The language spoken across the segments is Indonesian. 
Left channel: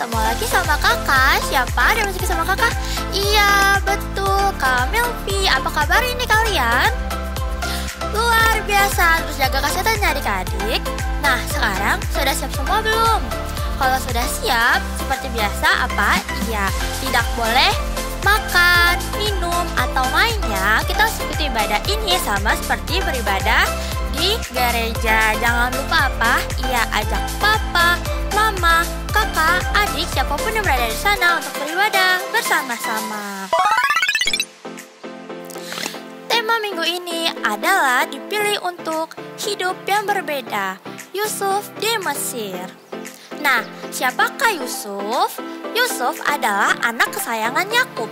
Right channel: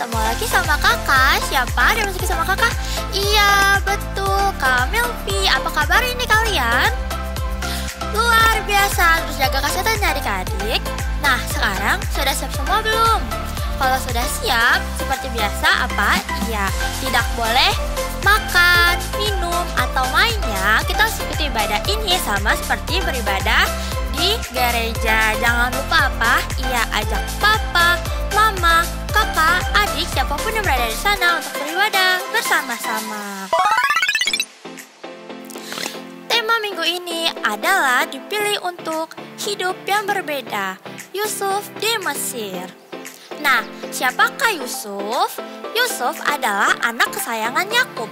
ketemu lagi sama kakak. Siapa ada yang masih sama kakak? Iya, betul, Kak Melvi. Apa kabar ini kalian? Luar biasa, terus jaga kesehatannya adik-adik. Nah, sekarang sudah siap semua belum? Kalau sudah siap, seperti biasa apa? Iya, tidak boleh makan, minum, atau mainnya. Kita harus ikuti ibadah ini sama seperti beribadah di gereja. Jangan lupa apa? Iya, ajak papa, mama, kakak, adik, siapapun yang berada di sana untuk beribadah bersama-sama. Tema minggu ini adalah dipilih untuk hidup yang berbeda. Yusuf di Mesir. Nah, siapakah Yusuf? Yusuf adalah anak kesayangan Yakub.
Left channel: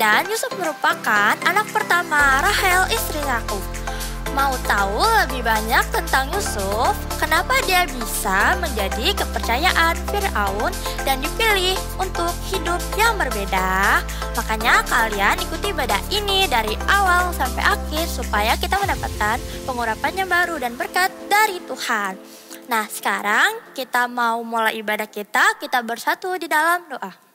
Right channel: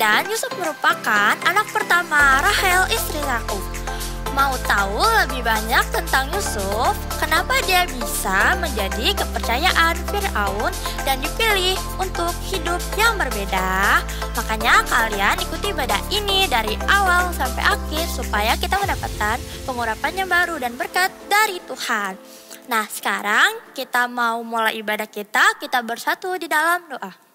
Dan Yusuf merupakan anak pertama Rahel istri Yakub. Mau tahu lebih banyak tentang Yusuf? Kenapa dia bisa menjadi kepercayaan Firaun dan dipilih untuk hidup yang berbeda? Makanya kalian ikuti ibadah ini dari awal sampai akhir supaya kita mendapatkan pengurapan yang baru dan berkat dari Tuhan. Nah, sekarang kita mau mulai ibadah kita bersatu di dalam doa.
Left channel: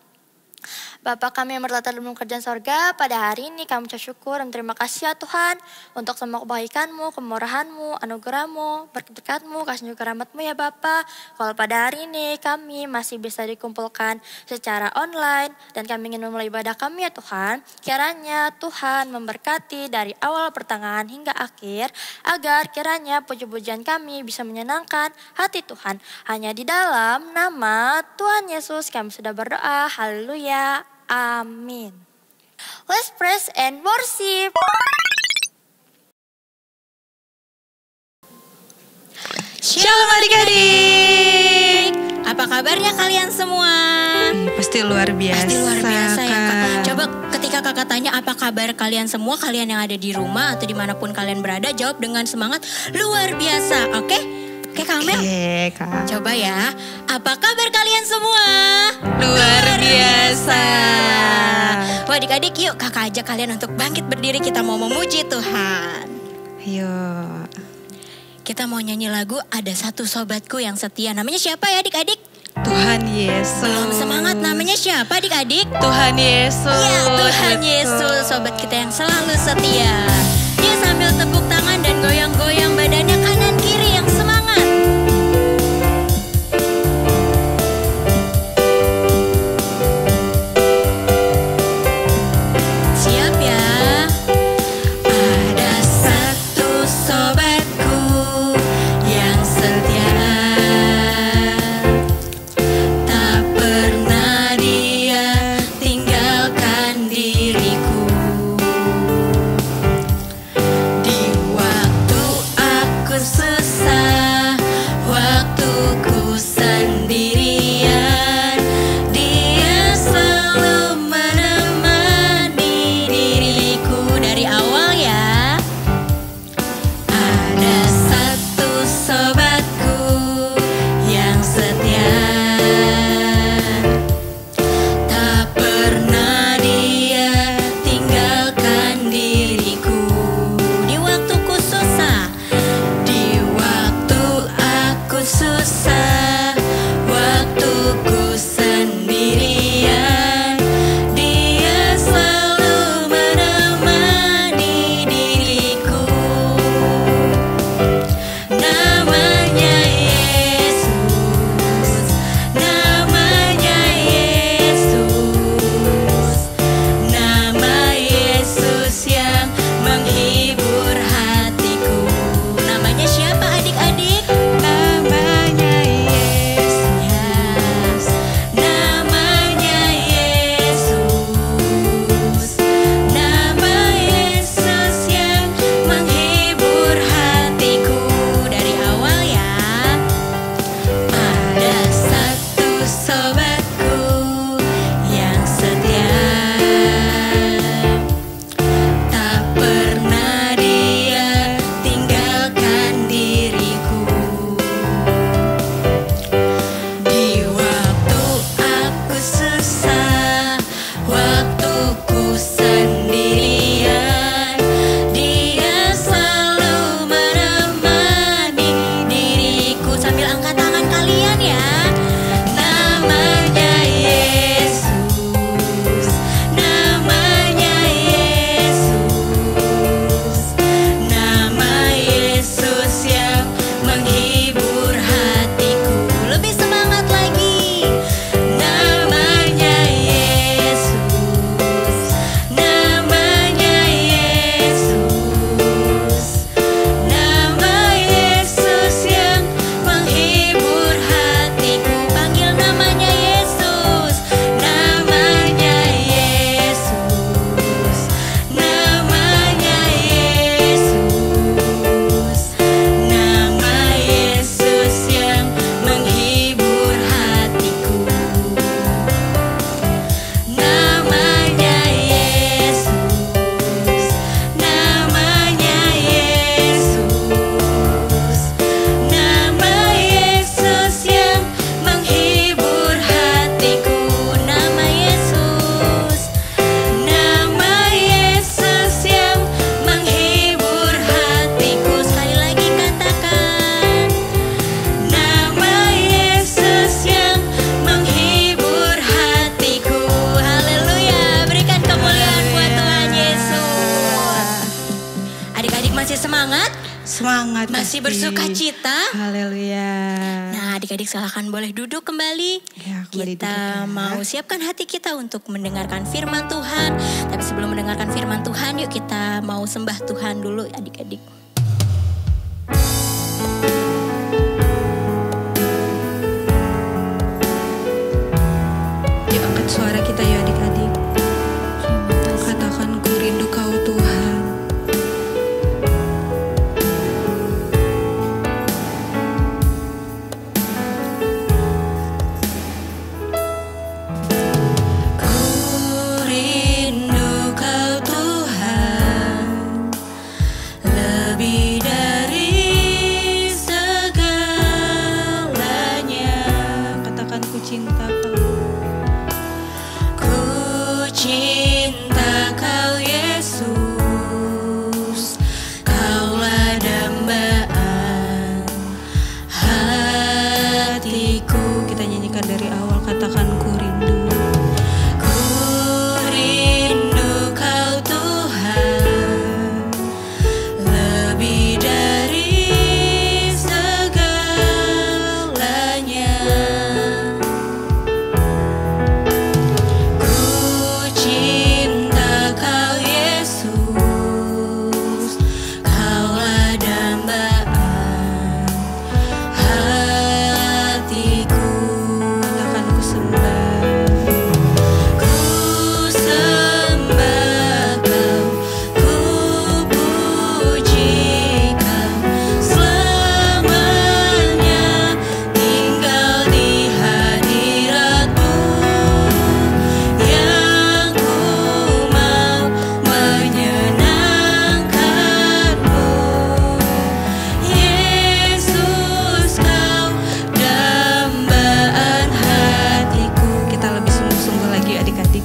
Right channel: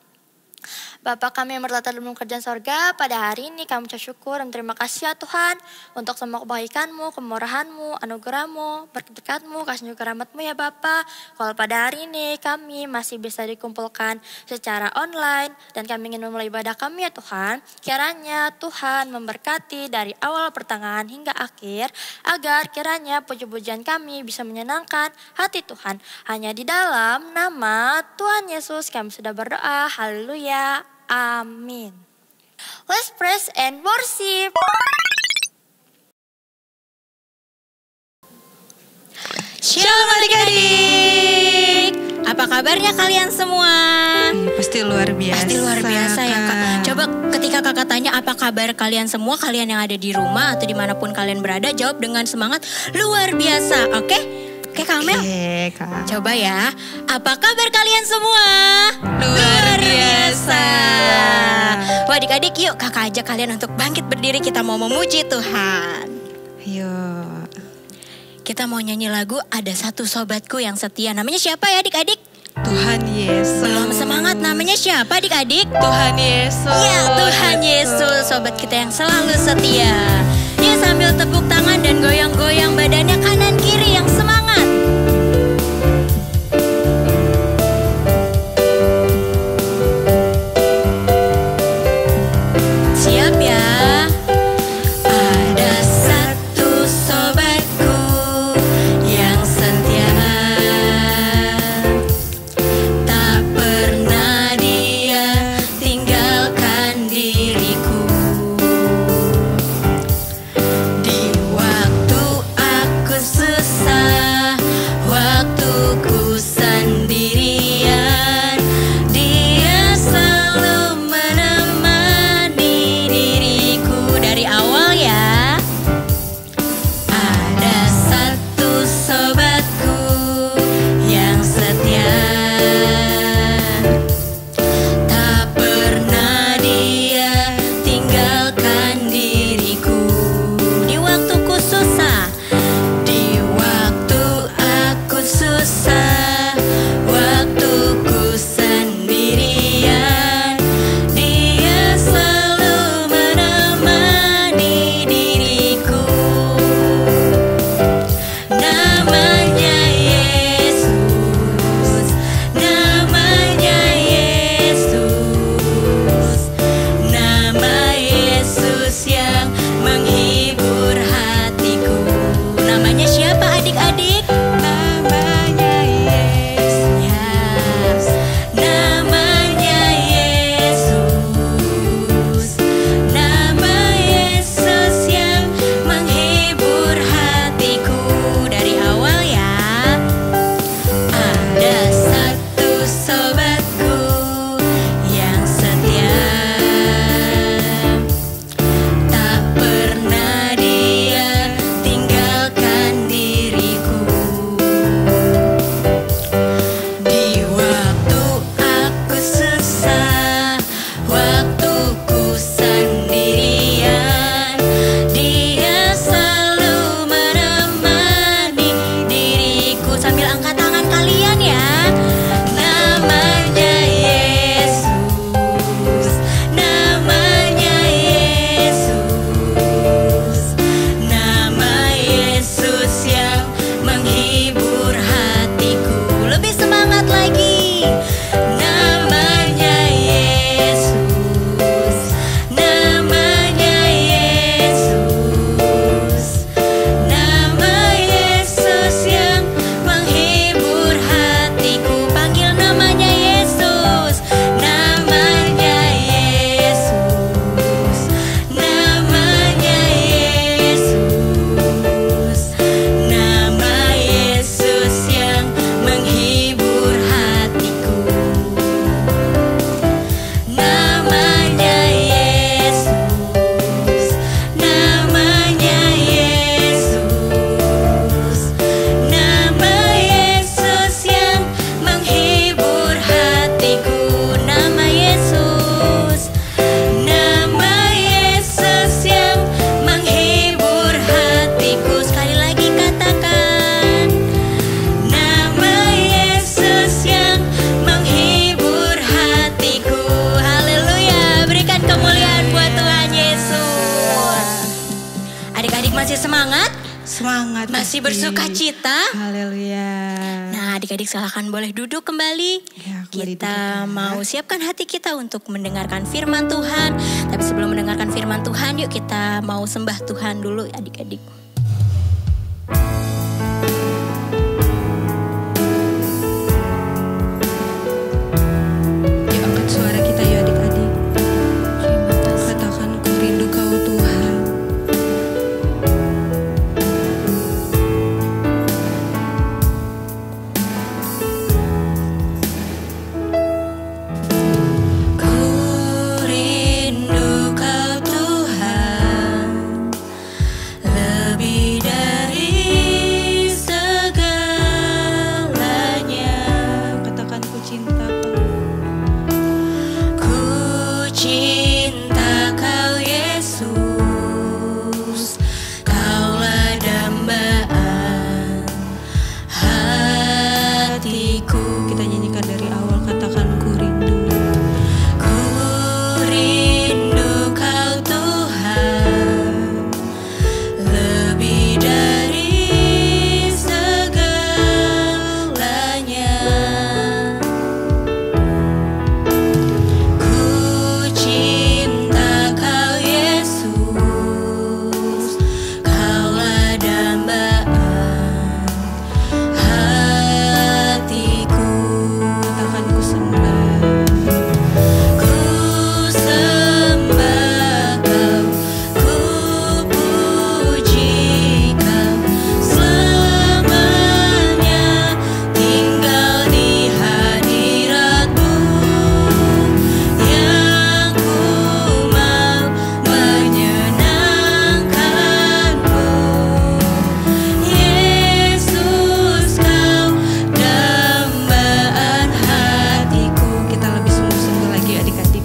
Bapa kami yang bertata dalam kerjaan sorga, pada hari ini kami ucap syukur dan terima kasih ya Tuhan untuk semua kebaikan-Mu, kemurahan-Mu, anugerah-Mu, berkat-Mu, kasih juga rahmat-Mu ya Bapa. Kalau pada hari ini kami masih bisa dikumpulkan secara online dan kami ingin memulai ibadah kami ya Tuhan, kiranya Tuhan memberkati dari awal pertengahan hingga akhir, agar kiranya puji-pujian kami bisa menyenangkan hati Tuhan. Hanya di dalam nama Tuhan Yesus kami sudah berdoa, haleluya. Amin. Let's praise and worship. Shalom adik-adik. Apa kabarnya kalian semua? Pasti luar biasa. Pasti luar biasa ya Kak. Coba ketika kakak tanya apa kabar kalian semua, kalian yang ada di rumah atau dimanapun kalian berada, jawab dengan semangat luar biasa, oke? Oke Kak Mel? Oke Kak. Coba ya, apa kabar kalian semua? Luar biasa. Wah adik-adik yuk kakak ajak kalian untuk bangkit berdiri, kita mau memuji Tuhan. Ayo. Kita mau nyanyi lagu Ada Satu Sobatku Yang Setia. Namanya siapa ya adik-adik? Tuhan Yesus. Belum semangat, namanya siapa adik-adik? Tuhan Yesus. Ya Tuhan Yesus, sobat kita yang selalu setia. Yuk sambil tepuk tangan dan goyang-goyang badannya kanan kiri yang semangat. Siap ya? Ada satu sobatku yang setia, tak pernah dia tinggalkan diriku. Di waktu aku susah, waktuku sendirian, dia selalu menemani diriku. Dari awal ya. Ada satu sobatku yang setia, tak pernah dia tinggalkan diriku. Di waktuku susah, di waktu aku susah, waktuku sendirian, dia selalu menemani diriku. Namanya Yesus, namanya Yesus, nama Yesus yang menghibur hatiku. Namanya siapa adik-adik? Namanya Yesus. Namanya Yesus, nama Yesus yang menghibur hatiku. Dari awal ya. Ada satu sobatku yang setia, tak pernah dia tinggalkan diriku. Di waktu aku susah, waktuku sendirian, dia selalu menemani diriku. Sambil angkat tangan kalian ya. Namanya semangat? Semangat. Masih pasti. bersuka cita? Haleluya. Nah, adik-adik silahkan boleh duduk kembali. Ya, kembali Kita duduk ya. mau siapkan hati kita untuk mendengarkan firman Tuhan. Tapi sebelum mendengarkan firman Tuhan, yuk kita mau sembah Tuhan dulu adik-adik. Yuk angkat suara kita yuk adik-adik. Terima kasih. Katakan ku rindu kau Tuhan. Cinta kau, Ku cinta kau Yesus, kaulah dambaan hatiku. kita nyanyikan dari awal, katakan ku rindu. Ku rindu kau Tuhan, lebih dari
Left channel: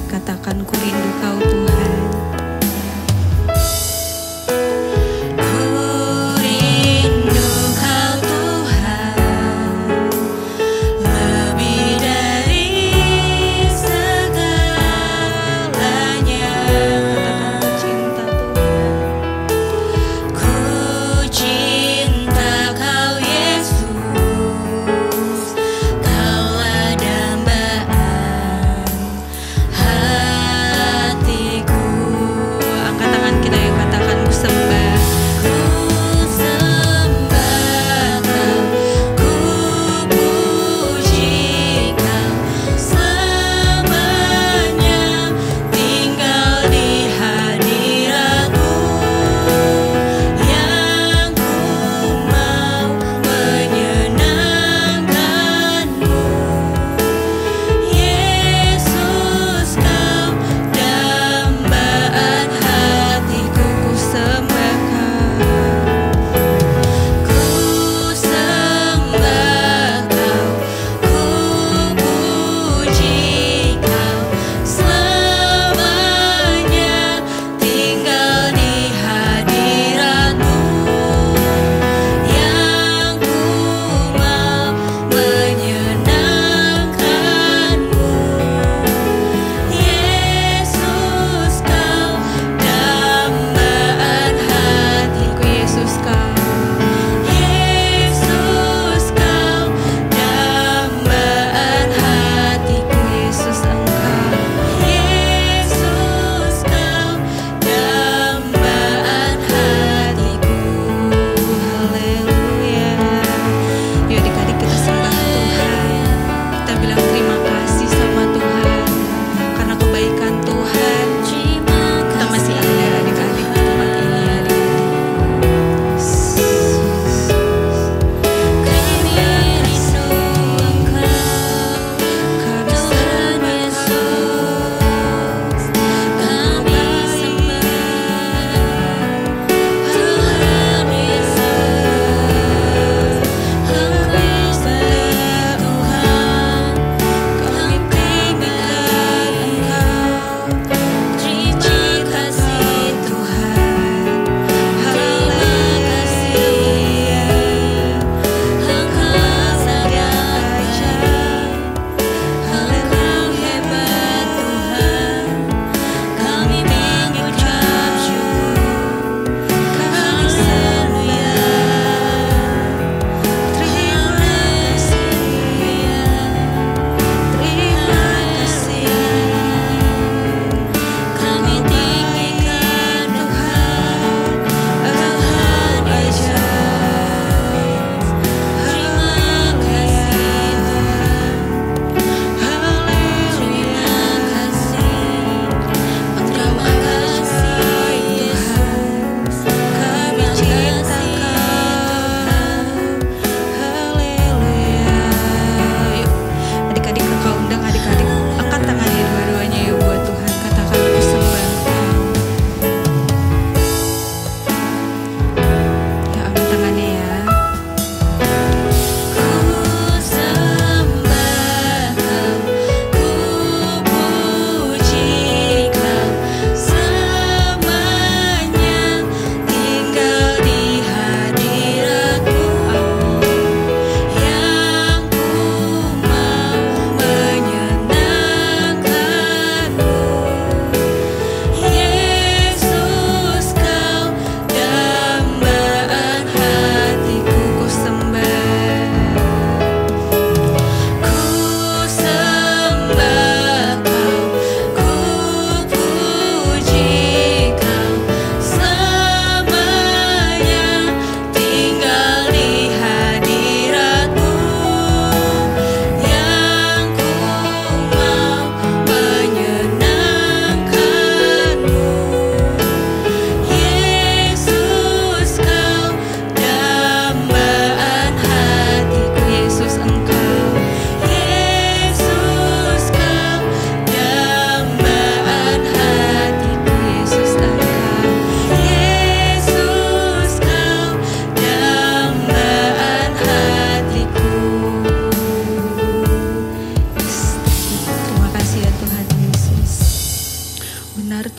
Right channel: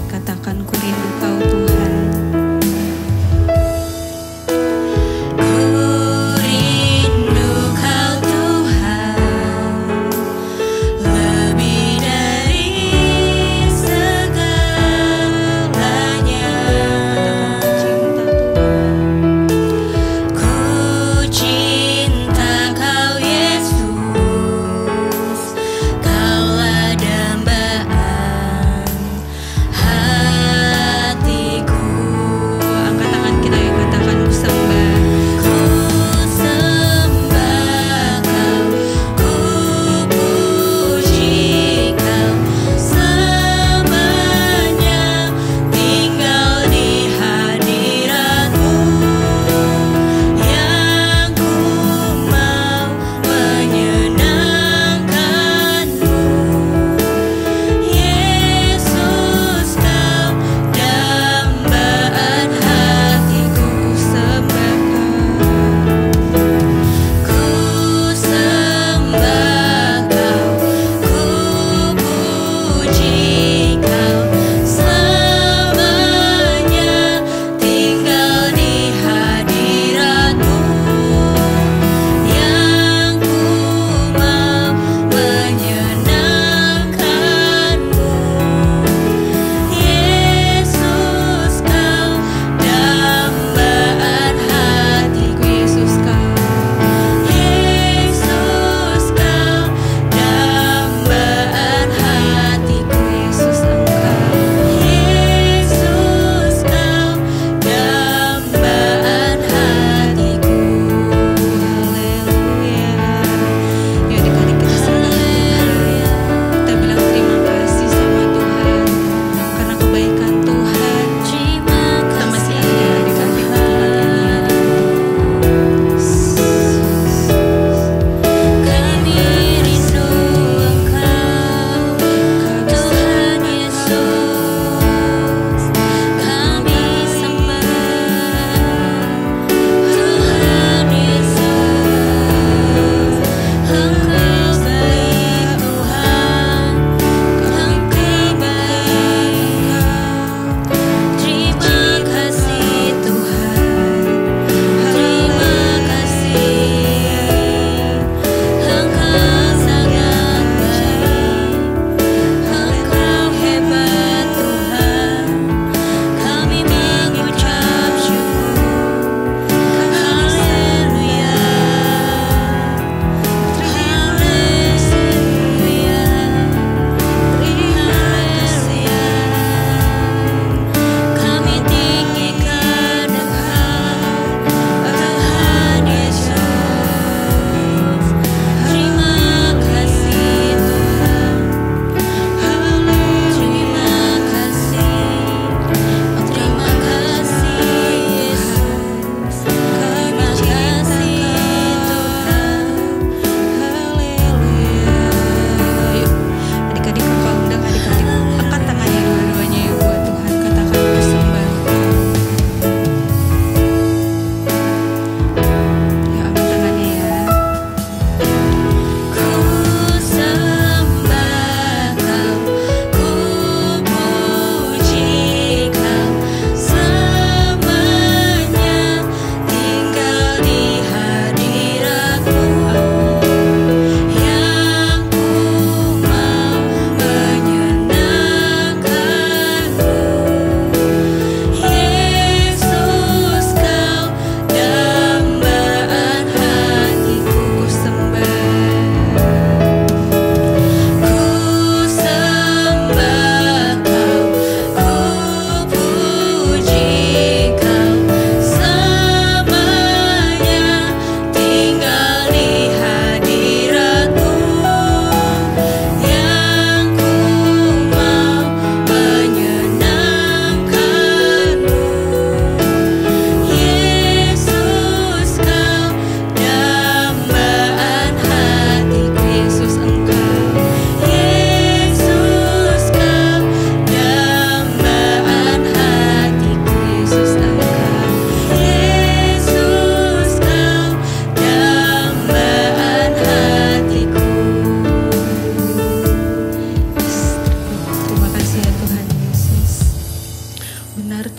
katakan ku rindu kau Tuhan. Ku rindu kau Tuhan, lebih dari segalanya. Katakan ku cinta Tuhan. Ku cinta kau Yesus, kaulah dambaan hatiku.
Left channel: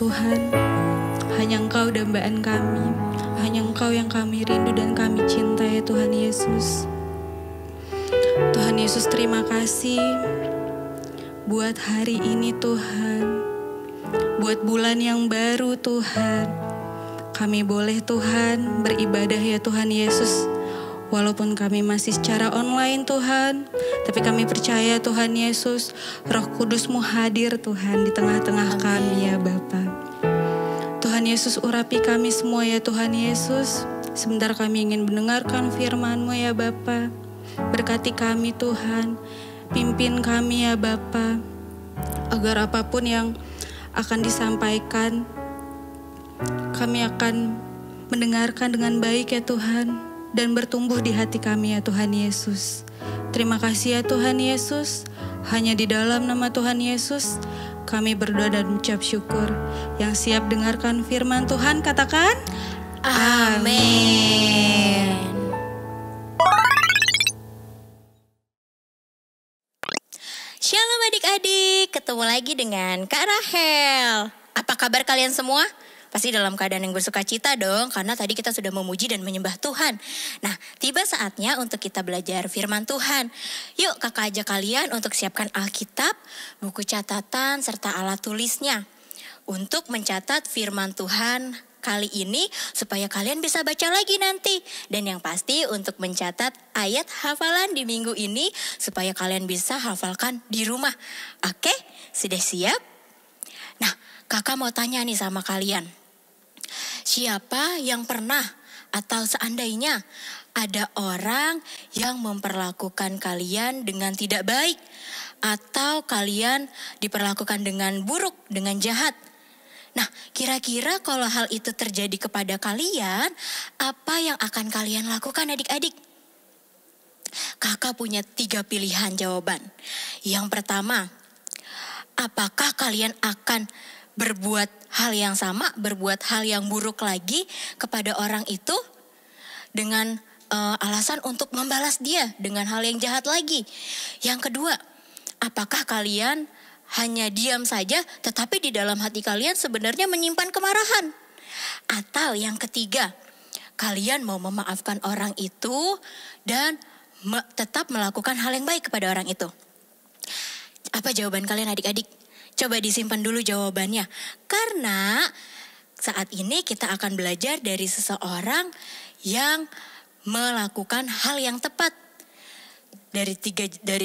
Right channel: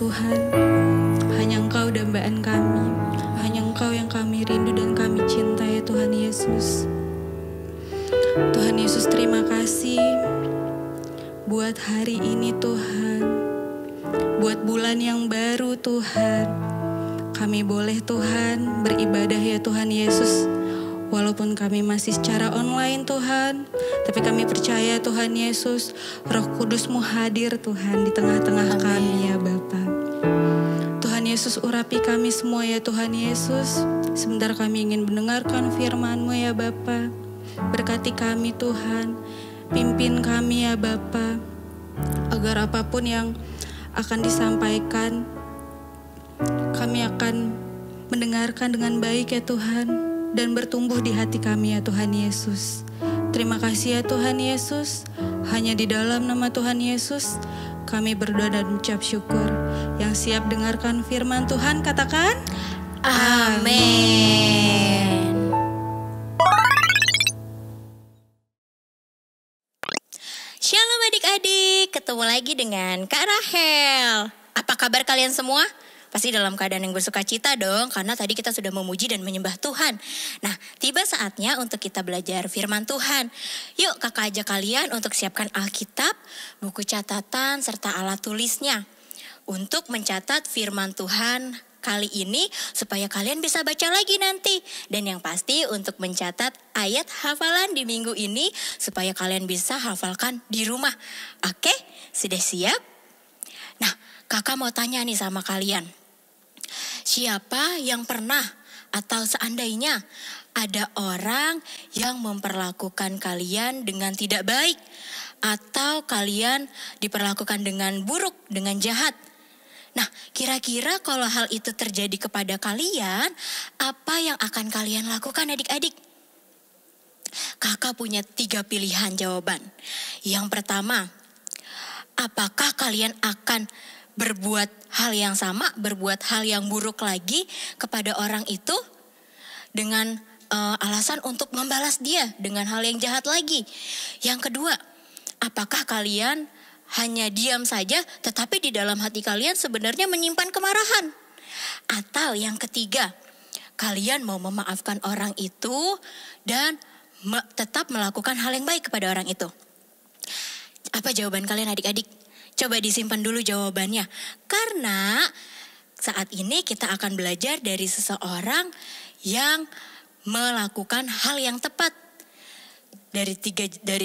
Tuhan. Hanya Engkau dambaan kami. Hanya Engkau yang kami rindu dan kami cinta ya Tuhan Yesus. Tuhan Yesus, terima kasih buat hari ini Tuhan. Buat bulan yang baru Tuhan. Kami boleh Tuhan beribadah ya Tuhan Yesus. Walaupun kami masih secara online Tuhan, tapi kami percaya Tuhan Yesus, Roh Kudus-Mu hadir Tuhan di tengah-tengah kami ya Bapa. Tuhan Yesus, urapi kami semua ya Tuhan Yesus. Sebentar kami ingin mendengarkan firman-Mu ya Bapa. Berkati kami Tuhan, pimpin kami ya Bapa, agar apapun yang akan disampaikan, kami akan mendengarkan dengan baik ya Tuhan. Dan bertumbuh di hati kami ya Tuhan Yesus. Terima kasih ya Tuhan Yesus. Hanya di dalam nama Tuhan Yesus kami berdoa dan mengucap syukur. Yang siap dengarkan firman Tuhan katakan Amin. Shalom adik-adik, ketemu lagi dengan Kak Rahel. Apa kabar kalian semua? Pasti dalam keadaan yang bersuka cita dong, karena tadi kita sudah memuji dan menyembah Tuhan. Nah, tiba saatnya untuk kita belajar firman Tuhan. Yuk kakak ajak kalian untuk siapkan Alkitab, buku catatan, serta alat tulisnya. Untuk mencatat firman Tuhan kali ini, supaya kalian bisa baca lagi nanti. Dan yang pasti untuk mencatat ayat hafalan di minggu ini, supaya kalian bisa hafalkan di rumah. Oke, sudah siap? Nah, kakak mau tanya nih sama kalian. Siapa yang pernah atau seandainya ada orang yang memperlakukan kalian dengan tidak baik, atau kalian diperlakukan dengan buruk, dengan jahat? Nah, kira-kira kalau hal itu terjadi kepada kalian, apa yang akan kalian lakukan adik-adik? Kakak punya 3 pilihan jawaban. Yang pertama, apakah kalian akan berbuat hal yang sama, berbuat hal yang buruk lagi kepada orang itu dengan alasan untuk membalas dia dengan hal yang jahat lagi? Yang kedua, apakah kalian hanya diam saja tetapi di dalam hati kalian sebenarnya menyimpan kemarahan? Atau yang ketiga, kalian mau memaafkan orang itu dan tetap melakukan hal yang baik kepada orang itu? Apa jawaban kalian adik-adik? Coba disimpan dulu jawabannya. Karena saat ini kita akan belajar dari seseorang yang melakukan hal yang tepat. Dari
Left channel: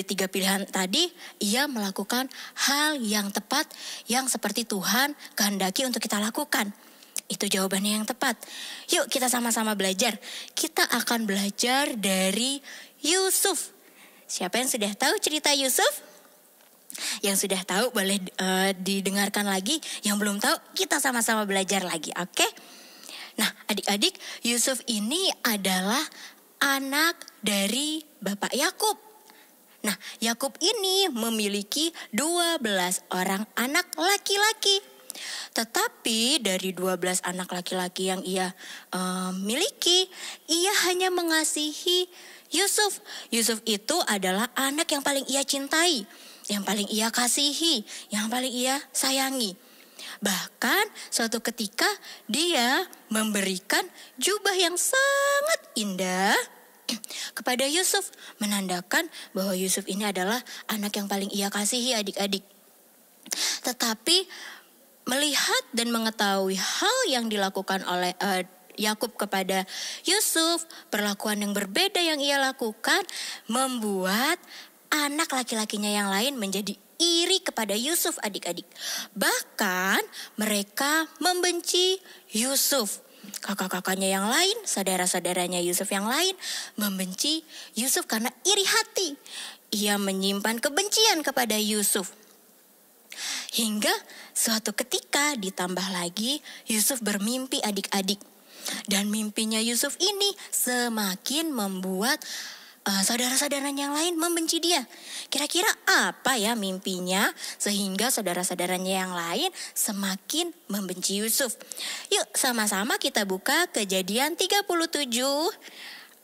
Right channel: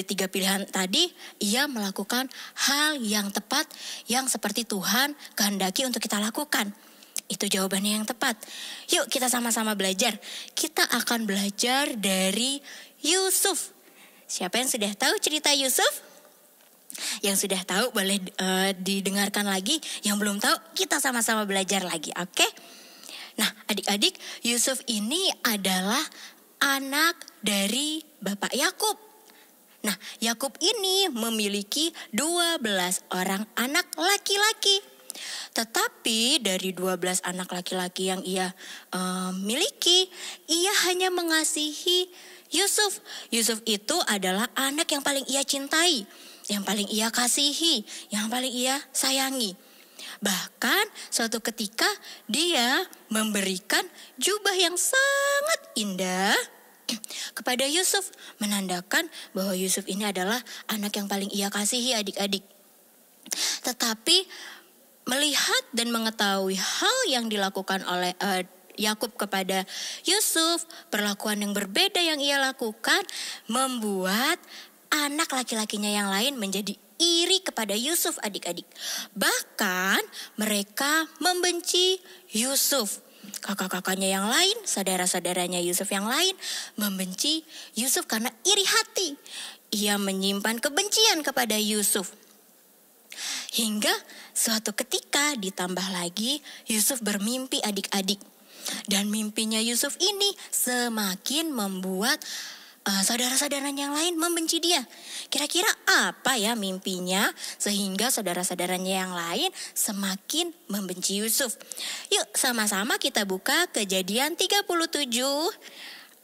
tiga pilihan tadi, ia melakukan hal yang tepat yang seperti Tuhan kehendaki untuk kita lakukan. Itu jawabannya yang tepat. Yuk kita sama-sama belajar. Kita akan belajar dari Yusuf. Siapa yang sudah tahu cerita Yusuf? Yang sudah tahu boleh didengarkan lagi. Yang belum tahu kita sama-sama belajar lagi, oke? Nah adik-adik, Yusuf ini adalah anak dari Bapak Yakub. Nah Yakub ini memiliki 12 orang anak laki-laki. Tetapi dari 12 anak laki-laki yang ia miliki, ia hanya mengasihi Yusuf. Yusuf itu adalah anak yang paling ia cintai, yang paling ia kasihi, yang paling ia sayangi. Bahkan suatu ketika dia memberikan jubah yang sangat indah kepada Yusuf, menandakan bahwa Yusuf ini adalah anak yang paling ia kasihi adik-adik. Tetapi melihat dan mengetahui hal yang dilakukan oleh Yakub kepada Yusuf, perlakuan yang berbeda yang ia lakukan membuat anak laki-lakinya yang lain menjadi iri kepada Yusuf adik-adik. Bahkan mereka membenci Yusuf. Kakak-kakaknya yang lain, saudara-saudaranya Yusuf yang lain membenci Yusuf karena iri hati. Ia menyimpan kebencian kepada Yusuf. Hingga suatu ketika ditambah lagi Yusuf bermimpi adik-adik. Dan mimpinya Yusuf ini semakin membuat saudara-saudaranya yang lain membenci dia. Kira-kira apa ya mimpinya sehingga saudara-saudaranya yang lain semakin membenci Yusuf? Yuk sama-sama kita buka Kejadian 37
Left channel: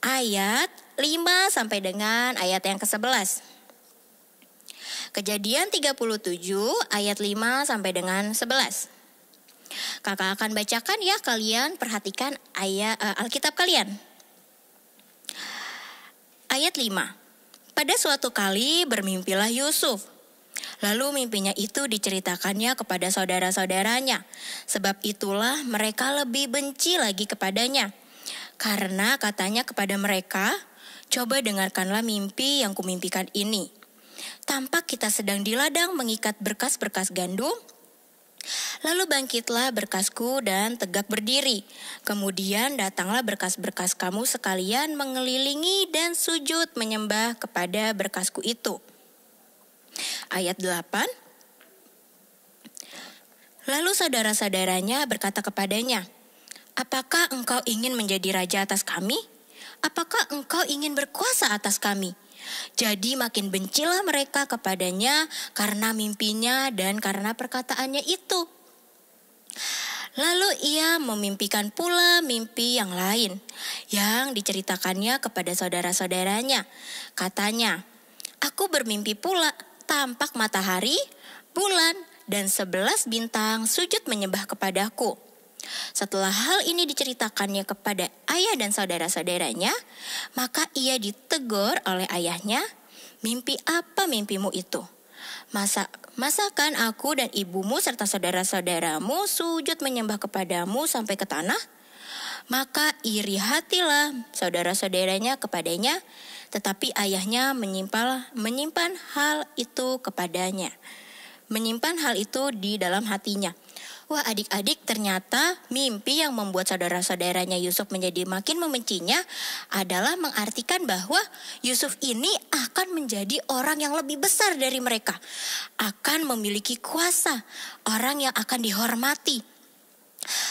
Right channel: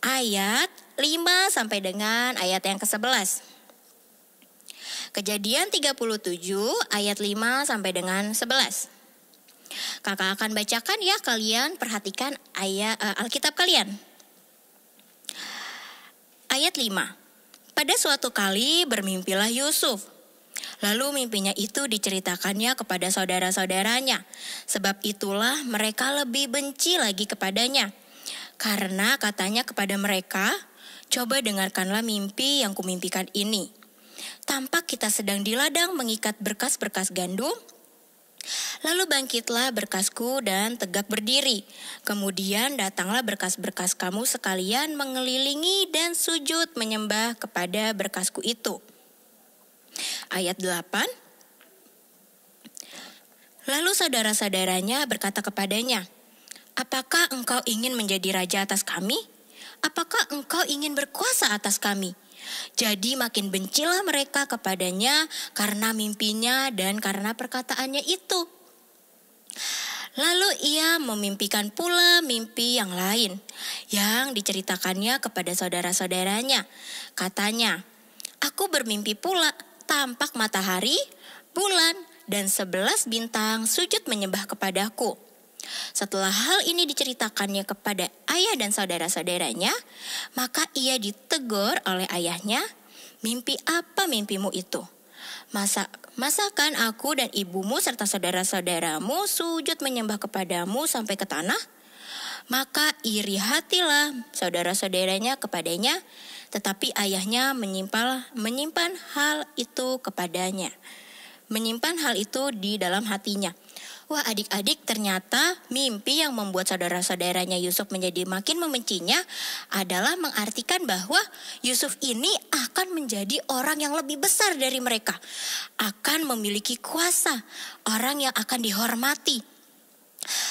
ayat 5 sampai dengan ayat yang ke-11. Kejadian 37 ayat 5 sampai dengan 11. Kakak akan bacakan ya, kalian perhatikan ayat Alkitab kalian. Ayat 5. Pada suatu kali bermimpilah Yusuf. Lalu mimpinya itu diceritakannya kepada saudara-saudaranya. Sebab itulah mereka lebih benci lagi kepadanya. Karena katanya kepada mereka, coba dengarkanlah mimpi yang kumimpikan ini. Tampak kita sedang di ladang mengikat berkas-berkas gandum. Lalu bangkitlah berkasku dan tegak berdiri. Kemudian datanglah berkas-berkas kamu sekalian mengelilingi dan sujud menyembah kepada berkasku itu. Ayat 8. Lalu saudara-saudaranya berkata kepadanya, apakah engkau ingin menjadi raja atas kami? Apakah engkau ingin berkuasa atas kami? Jadi makin bencilah mereka kepadanya karena mimpinya dan karena perkataannya itu. Lalu ia memimpikan pula mimpi yang lain yang diceritakannya kepada saudara-saudaranya. Katanya, aku bermimpi pula tampak matahari, bulan, dan 11 bintang sujud menyembah kepadaku. Setelah hal ini diceritakannya kepada ayah dan saudara-saudaranya, maka ia ditegur oleh ayahnya, mimpi apa mimpimu itu? Masakan aku dan ibumu serta saudara-saudaramu sujud menyembah kepadamu sampai ke tanah? Maka iri hatilah saudara-saudaranya kepadanya, tetapi ayahnya menyimpan hal itu kepadanya. Menyimpan hal itu di dalam hatinya. Wah, adik-adik, ternyata mimpi yang membuat saudara-saudaranya Yusuf menjadi makin membencinya adalah mengartikan bahwa Yusuf ini akan menjadi orang yang lebih besar dari mereka. Akan memiliki kuasa, orang yang akan dihormati.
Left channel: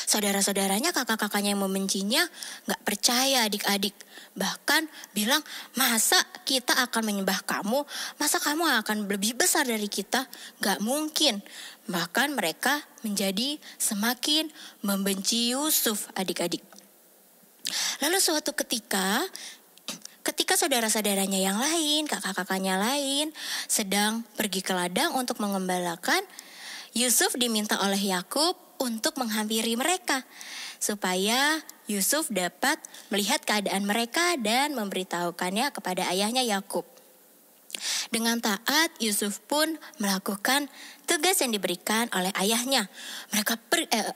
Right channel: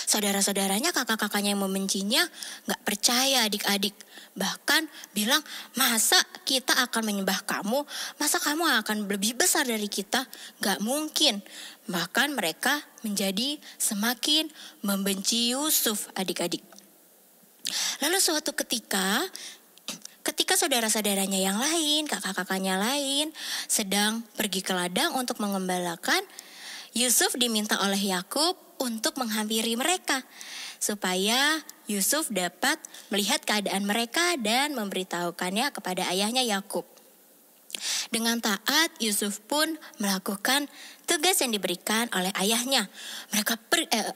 Saudara-saudaranya, kakak-kakaknya yang membencinya gak percaya adik-adik. Bahkan bilang, masa kita akan menyembah kamu? Masa kamu akan lebih besar dari kita? Gak mungkin. Bahkan mereka menjadi semakin membenci Yusuf adik-adik. Lalu suatu ketika saudara-saudaranya yang lain, kakak-kakaknya lain sedang pergi ke ladang untuk mengembalakan, Yusuf diminta oleh Yakub untuk menghampiri mereka, supaya Yusuf dapat melihat keadaan mereka dan memberitahukannya kepada ayahnya Yakub. Dengan taat, Yusuf pun melakukan tugas yang diberikan oleh ayahnya.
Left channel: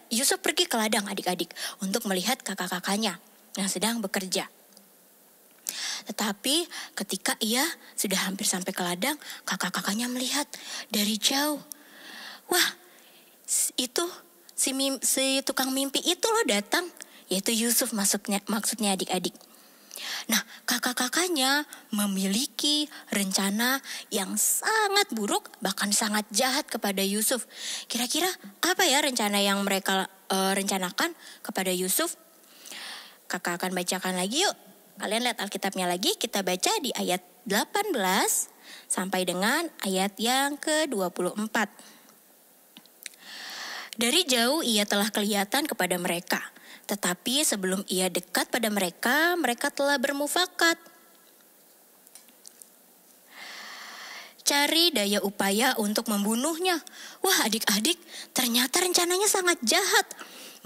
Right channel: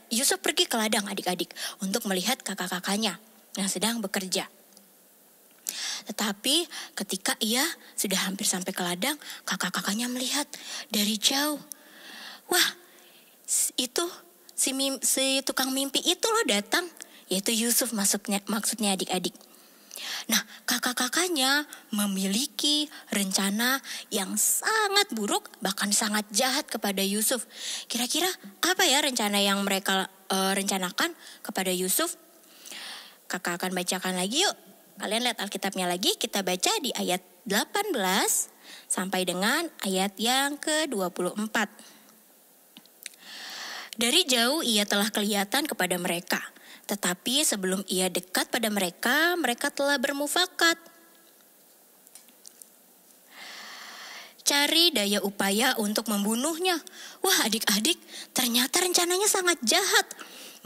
Yusuf pergi ke ladang adik-adik untuk melihat kakak-kakaknya yang sedang bekerja. Tetapi ketika ia sudah hampir sampai ke ladang, kakak-kakaknya melihat dari jauh. Wah, itu si tukang mimpi itu loh datang, yaitu Yusuf maksudnya adik-adik. Nah, kakak-kakaknya memiliki rencana yang sangat buruk, bahkan sangat jahat kepada Yusuf. Kira-kira apa ya rencana yang mereka rencanakan kepada Yusuf? Kakak akan bacakan lagi yuk. Kalian lihat Alkitabnya lagi, kita baca di ayat 18 sampai dengan ayat yang ke-24. Dari jauh ia telah kelihatan kepada mereka, tetapi sebelum ia dekat pada mereka, mereka telah bermufakat. Cari daya upaya untuk membunuhnya. Wah adik-adik, ternyata rencananya sangat jahat.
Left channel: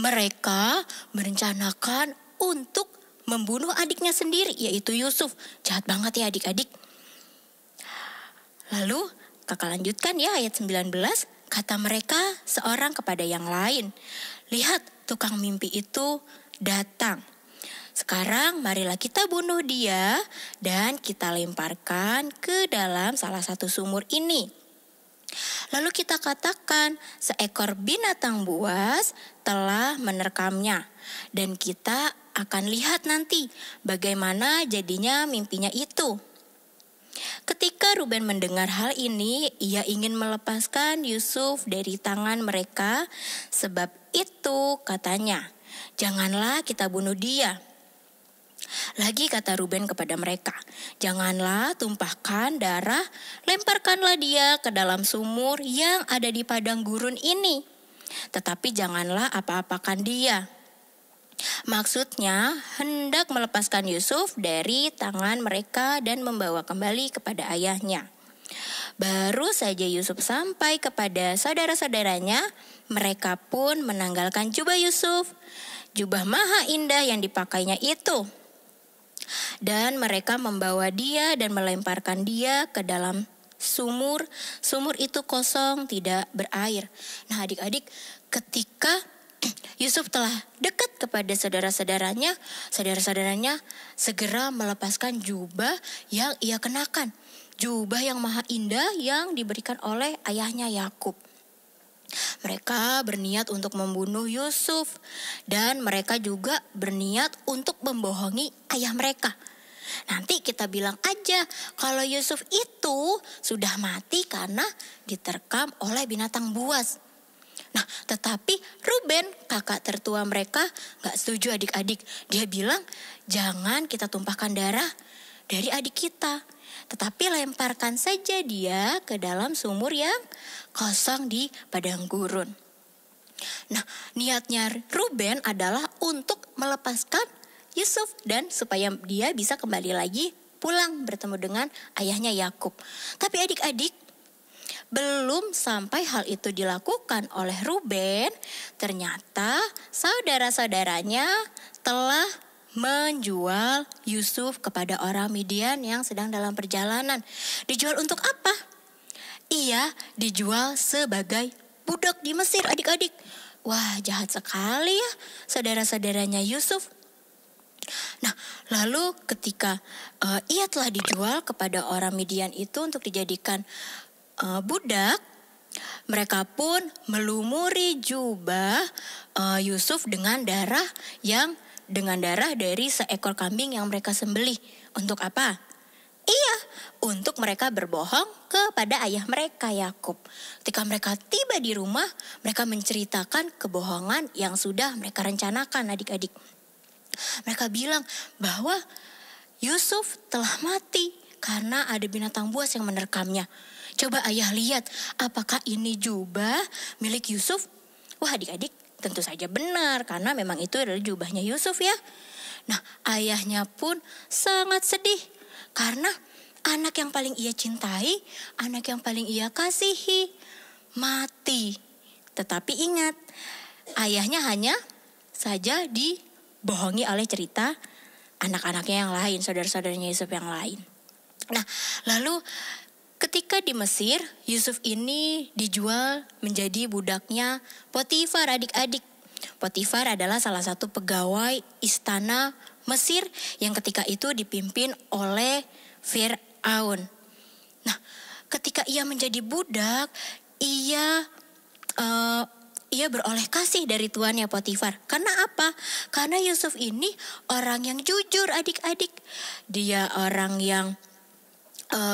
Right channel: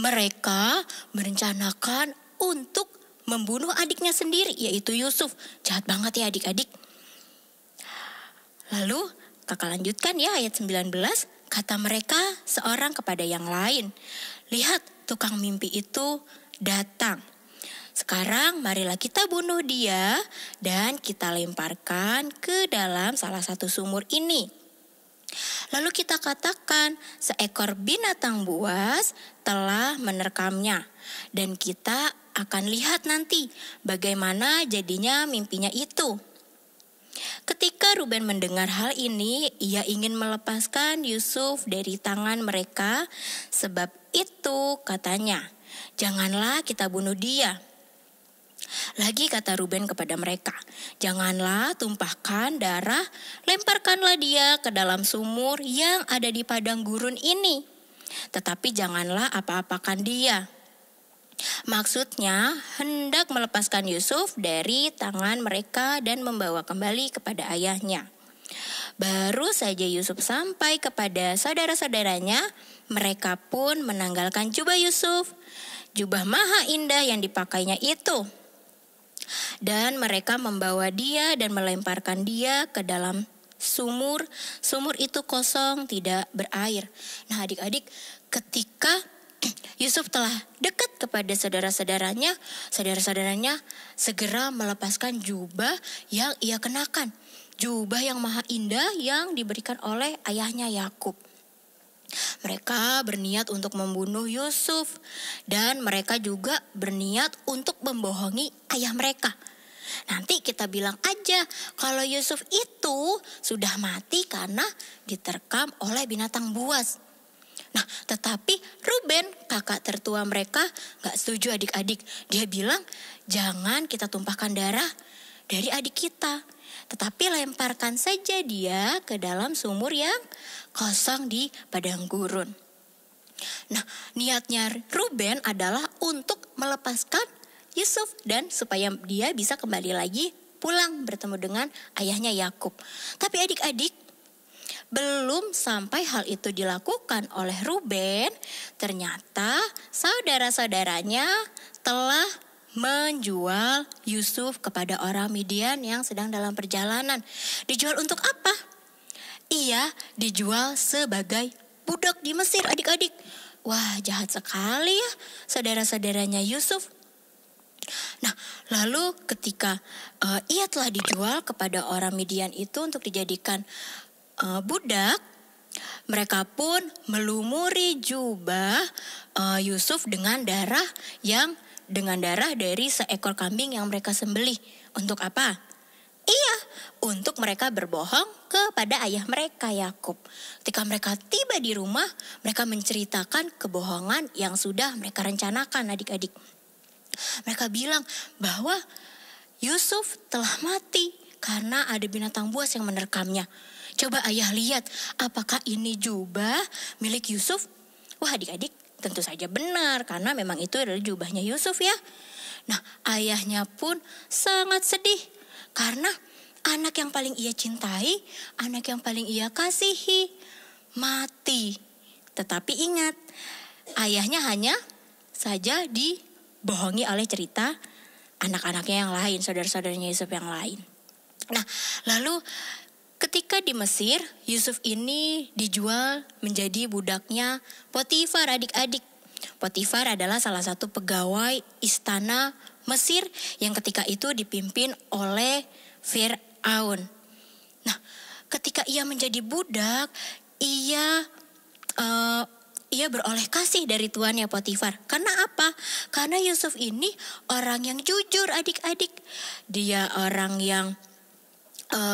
Mereka merencanakan untuk membunuh adiknya sendiri, yaitu Yusuf. Jahat banget ya adik-adik. Lalu kakak lanjutkan ya ayat 19. Kata mereka seorang kepada yang lain, lihat tukang mimpi itu datang. Sekarang marilah kita bunuh dia dan kita lemparkan ke dalam salah satu sumur ini. Lalu kita katakan seekor binatang buas telah menerkamnya. Dan kita akan lihat nanti bagaimana jadinya mimpinya itu. Ketika Ruben mendengar hal ini, ia ingin melepaskan Yusuf dari tangan mereka. Sebab itu katanya, janganlah kita bunuh dia. Lagi kata Ruben kepada mereka, janganlah tumpahkan darah, lemparkanlah dia ke dalam sumur yang ada di padang gurun ini. Tetapi janganlah apa-apakan dia. Maksudnya hendak melepaskan Yusuf dari tangan mereka dan membawa kembali kepada ayahnya. Baru saja Yusuf sampai kepada saudara-saudaranya, mereka pun menanggalkan jubah Yusuf, jubah maha indah yang dipakainya itu. Dan mereka membawa dia dan melemparkan dia ke dalam sumur. Sumur itu kosong, tidak berair. Nah adik-adik, ketika Yusuf telah dekat kepada saudara-saudaranya segera melepaskan jubah yang ia kenakan. Jubah yang maha indah yang diberikan oleh ayahnya Yakub. Mereka berniat untuk membunuh Yusuf dan mereka juga berniat untuk membohongi ayah mereka. Nanti kita bilang aja kalau Yusuf itu sudah mati karena diterkam oleh binatang buas. Nah, tetapi Ruben, kakak tertua mereka, gak setuju adik-adik. Dia bilang, jangan kita tumpahkan darah dari adik kita, tetapi lemparkan saja dia ke dalam sumur yang kosong di padang gurun. Nah, niatnya Ruben adalah untuk melepaskan Yusuf dan supaya dia bisa kembali lagi pulang bertemu dengan ayahnya Yakub. Tapi adik-adik, belum sampai hal itu dilakukan oleh Ruben, ternyata saudara-saudaranya telah menjual Yusuf kepada orang Midian yang sedang dalam perjalanan. Dijual untuk apa? Ia dijual sebagai budak di Mesir, adik-adik. Wah, jahat sekali ya saudara-saudaranya Yusuf. Nah, lalu ketika ia telah dijual kepada orang Midian itu untuk dijadikan budak, mereka pun melumuri jubah Yusuf dengan darah dari seekor kambing yang mereka sembelih. Untuk apa? Iya, untuk mereka berbohong kepada ayah mereka Yakub. Ketika mereka tiba di rumah, mereka menceritakan kebohongan yang sudah mereka rencanakan, adik-adik. Mereka bilang bahwa Yusuf telah mati karena ada binatang buas yang menerkamnya. Coba ayah lihat, apakah ini jubah milik Yusuf? Wah adik-adik, tentu saja benar karena memang itu adalah jubahnya Yusuf ya. Nah, ayahnya pun sangat sedih karena anak yang paling ia cintai, anak yang paling ia kasihi, mati. Tetapi ingat, ayahnya hanya saja dibohongi oleh cerita anak-anaknya yang lain, saudara-saudaranya Yusuf yang lain. Nah, lalu ketika di Mesir, Yusuf ini dijual menjadi budaknya Potifar, adik-adik. Potifar adalah salah satu pegawai istana Mesir yang ketika itu dipimpin oleh Fir'aun. Nah, ketika ia menjadi budak, ia beroleh kasih dari tuannya Potifar. Karena apa? Karena Yusuf ini orang yang jujur, adik-adik. Dia orang yang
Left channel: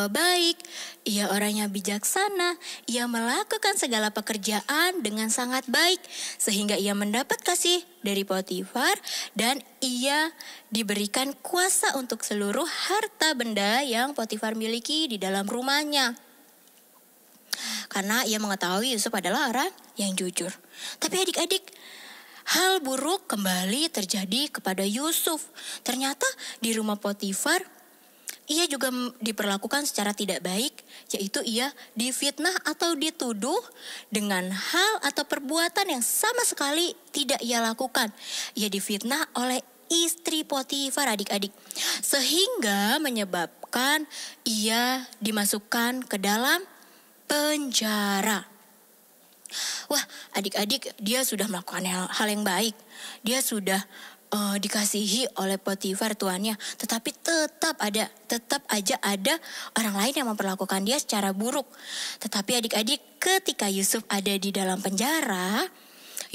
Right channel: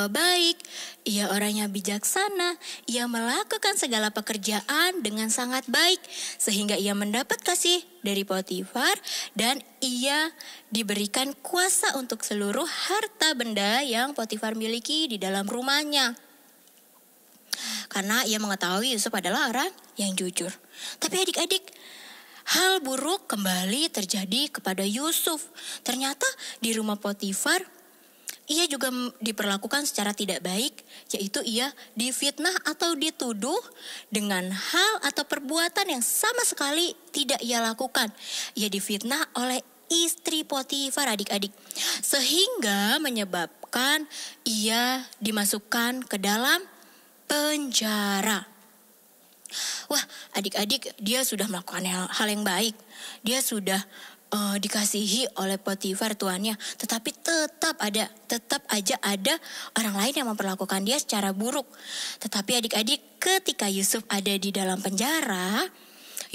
baik, ia orangnya bijaksana, ia melakukan segala pekerjaan dengan sangat baik sehingga ia mendapat kasih dari Potifar dan ia diberikan kuasa untuk seluruh harta benda yang Potifar miliki di dalam rumahnya. Karena ia mengetahui Yusuf adalah orang yang jujur. Tapi adik-adik, hal buruk kembali terjadi kepada Yusuf. Ternyata di rumah Potifar ia juga diperlakukan secara tidak baik, yaitu ia difitnah atau dituduh dengan hal atau perbuatan yang sama sekali tidak ia lakukan. Ia difitnah oleh istri Potifar, adik-adik, sehingga menyebabkan ia dimasukkan ke dalam penjara. Wah, adik-adik, dia sudah melakukan hal yang baik. Dia sudah dikasihi oleh Potifar tuannya, tetapi tetap aja ada orang lain yang memperlakukan dia secara buruk. Tetapi adik-adik, ketika Yusuf ada di dalam penjara,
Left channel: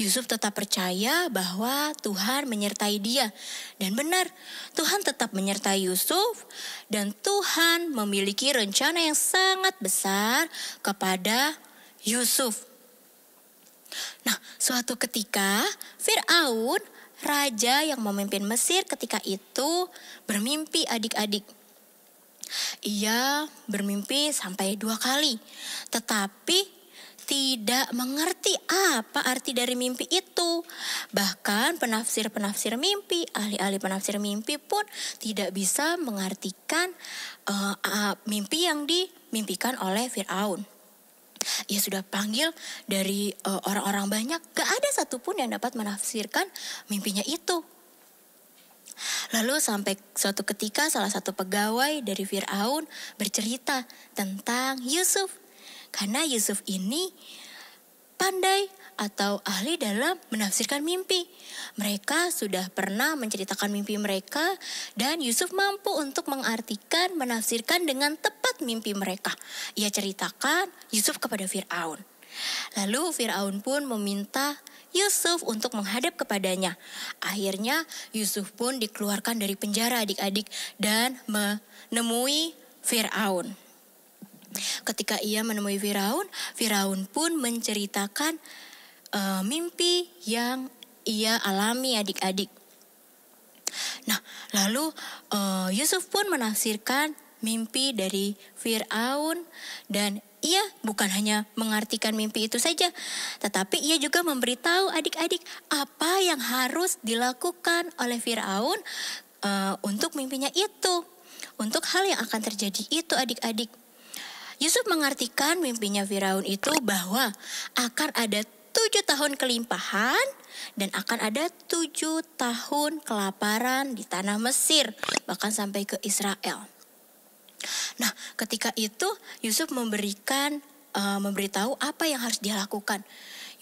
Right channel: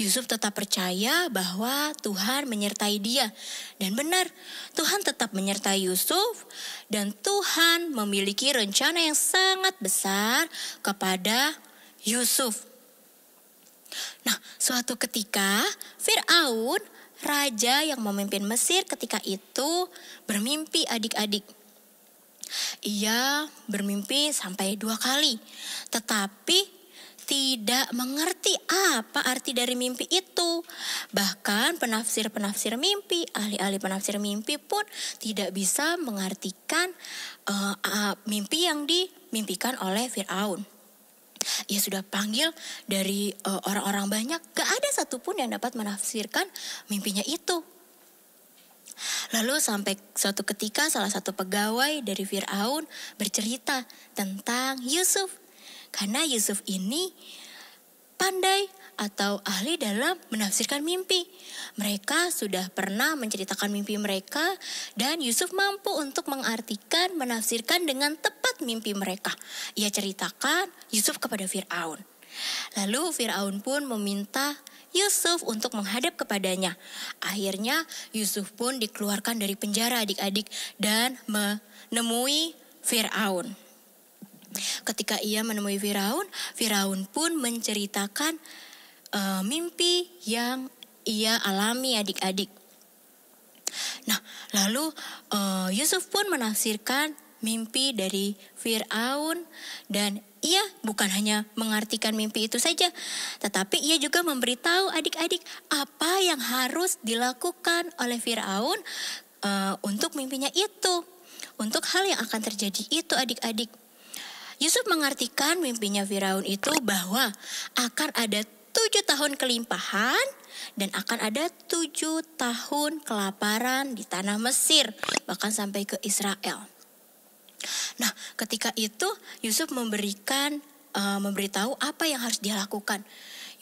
Yusuf tetap percaya bahwa Tuhan menyertai dia. Dan benar, Tuhan tetap menyertai Yusuf dan Tuhan memiliki rencana yang sangat besar kepada Yusuf. Nah, suatu ketika Fir'aun, raja yang memimpin Mesir ketika itu, bermimpi, adik-adik. Ia bermimpi sampai 2 kali, tetapi tidak mengerti apa arti dari mimpi itu. Bahkan penafsir-penafsir mimpi, ahli-ahli penafsir mimpi pun tidak bisa mengartikan mimpi yang dimimpikan oleh Fir'aun. Ia sudah panggil dari orang-orang banyak, gak ada satupun yang dapat menafsirkan mimpinya itu. Lalu sampai suatu ketika salah satu pegawai dari Firaun bercerita tentang Yusuf. Karena Yusuf ini pandai atau ahli dalam menafsirkan mimpi. Mereka sudah pernah menceritakan mimpi mereka dan Yusuf mampu untuk mengartikan, menafsirkan dengan tepat mimpi mereka. Ia ceritakan Yusuf kepada Firaun. Lalu Firaun pun meminta Yusuf untuk menghadap kepadanya. Akhirnya Yusuf pun dikeluarkan dari penjara adik-adik dan menemui Firaun. Ketika ia menemui Firaun, Firaun pun menceritakan mimpi yang ia alami adik-adik. Nah, lalu Yusuf pun menafsirkan mimpi dari Firaun dan ia bukan hanya mengartikan mimpi itu saja, tetapi ia juga memberitahu adik-adik apa yang harus dilakukan oleh Firaun untuk mimpinya itu, untuk hal yang akan terjadi itu adik-adik. Yusuf mengartikan mimpinya Firaun itu bahwa akan ada 7 tahun kelimpahan dan akan ada 7 tahun kelaparan di tanah Mesir, bahkan sampai ke Israel. Nah, ketika itu Yusuf memberitahu apa yang harus dia lakukan.